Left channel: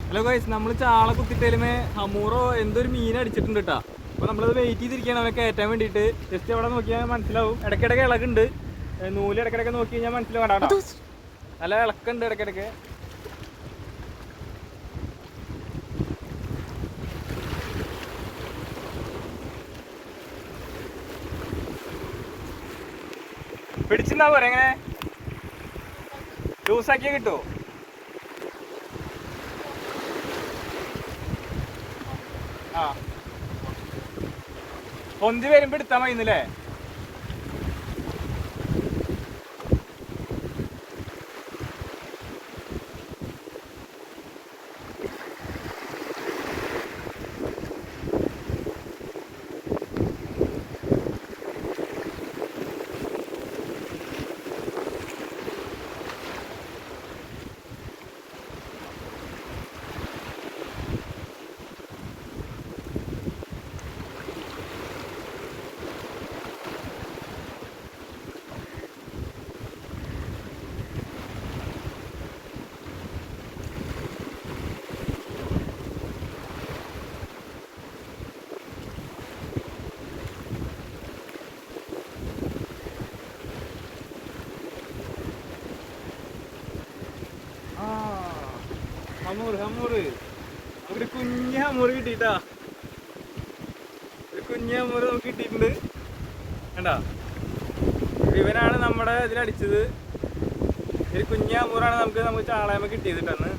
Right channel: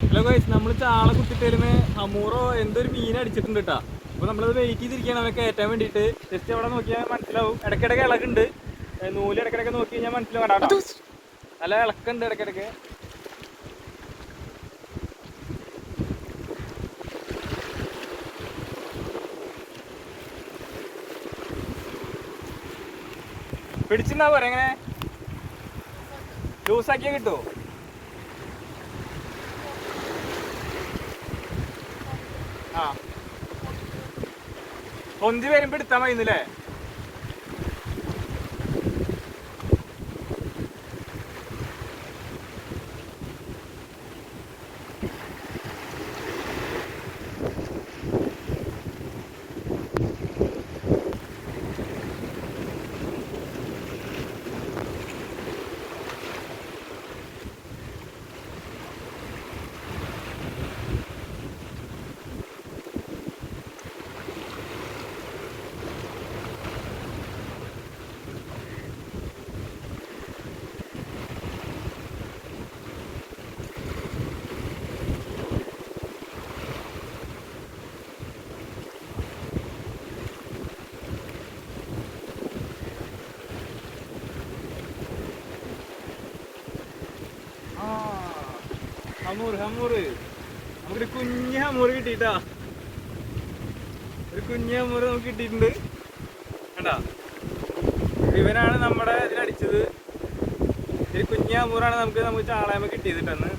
Hello guys നമ്മൾ ചാള കുത്തിട്ടേലുമേ ഹമൂറോ എന്തൊരു മീൻ അടിച്ചിട്ടുണ്ട് കേട്ടാ അപ്പൊ നമ്മളത് വെയിറ്റ് ചെയ്തിരിക്കുകയാണ് അവനെ കയറ്റാൻ വേണ്ടിയിട്ട്. ജസ്റ്റ് അവിടെ നോക്കിയാൽ മനസ്സിലാവും. ഇടയ്ക്കിടയ്ക്ക് ഇളകുണ്ട്. നൂൽ ഇടയ്ക്കിടയ്ക്ക് നോക്കി കഴിഞ്ഞാൽ മനസ്സിലാവും നല്ല ഇളക്കുണ്ട് ഇടയ്ക്കിടയ്ക്ക്. പിടിച്ചിട്ടുണ്ടാവും എങ്ങനെ? ലൂസാക്കിയാ കിട്ടുമോ ആ. പൊന്തി വരുമ്പോ എടുത്താ മതിന്നല്ലേ ഹമൂർ ഹമൂർ. നമുക്ക് കുഞ്ഞ് ഹമൂർ കിട്ടിട്ടാ ഒരു കുഞ്ഞ് ഹമൂർ നമുക്ക് കിട്ടിയിട്ടുണ്ട്. കണ്ടാ? ഇവനാണ് നമ്മുടെ ഇതിലടിച്ചത്. ഒരു കുഞ്ഞ് ഹമൂറാണ് നമുക്ക് നമുക്ക് ചാളയമ കിട്ടിയത് കേട്ടോ അന്ന്.